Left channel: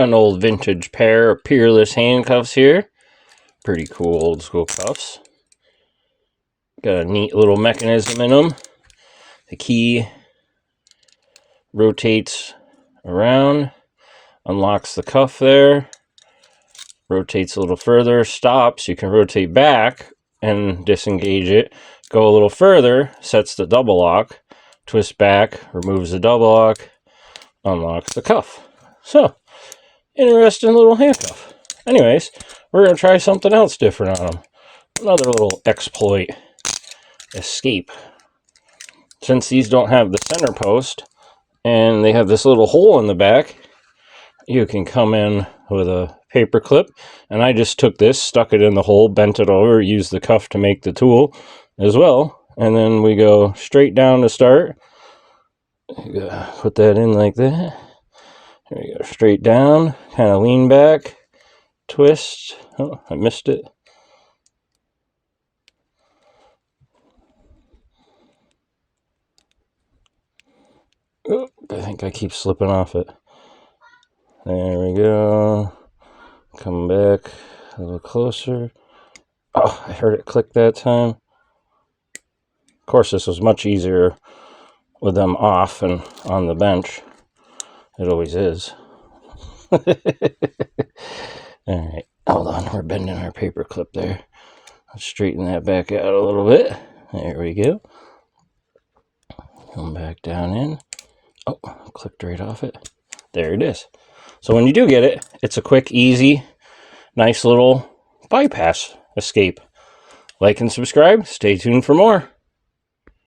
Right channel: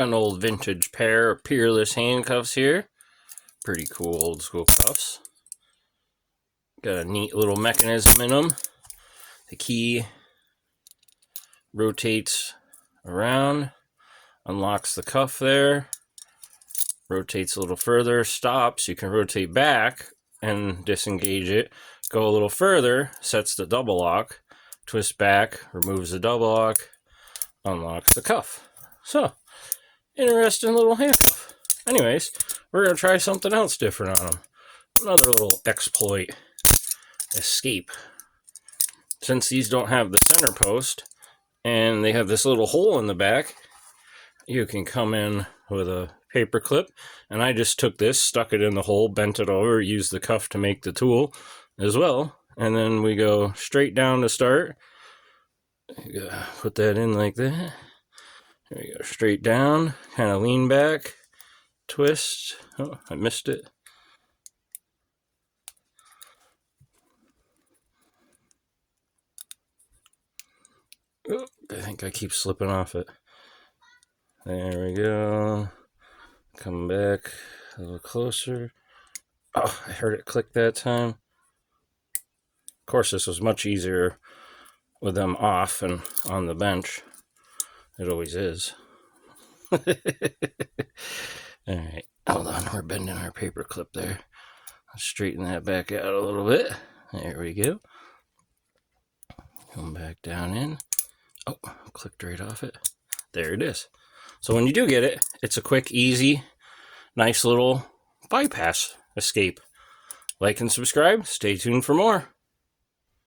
Got an old vintage pair of Peerless handcuffs here. Pretty cool old school cuffs. Got a neat little mechanism in them. The key rotates around, unlocks the cuff there, rotates a little further, stops. You can rotate back and disengage it. Go a little further, sets the double lock, twist back, removes the double lock, unlocks the cuff. So, interesting little handcuff. Anyways, we're going to try something else different on them. Another little exploit. Escape. Since these don't have the center post, and they have this little hole in the back, you can come in with a paper clip, and I just took this, stuck it in the hole, bent it over, used the cuff to make the tool as well, and then we go straight down to start. You gotta put that in like that. There you go, straight down, kind of lean back, twist. Oh, I missed it. Oh, I think I keep slipping off it. There we go. Come back a little closer. Oh, I heard it click that time. Of course, this was much easier with them off and on the bench. It always is. Alright, hold on, we're bending our paper clip there. Let's straighten that back out a little bit. There we go. Come back down in. Oh, clicked right off it. There it is. So when you do get it, it's a quick, easy, nice little bypass escape. Like and subscribe. Stay tuned for more.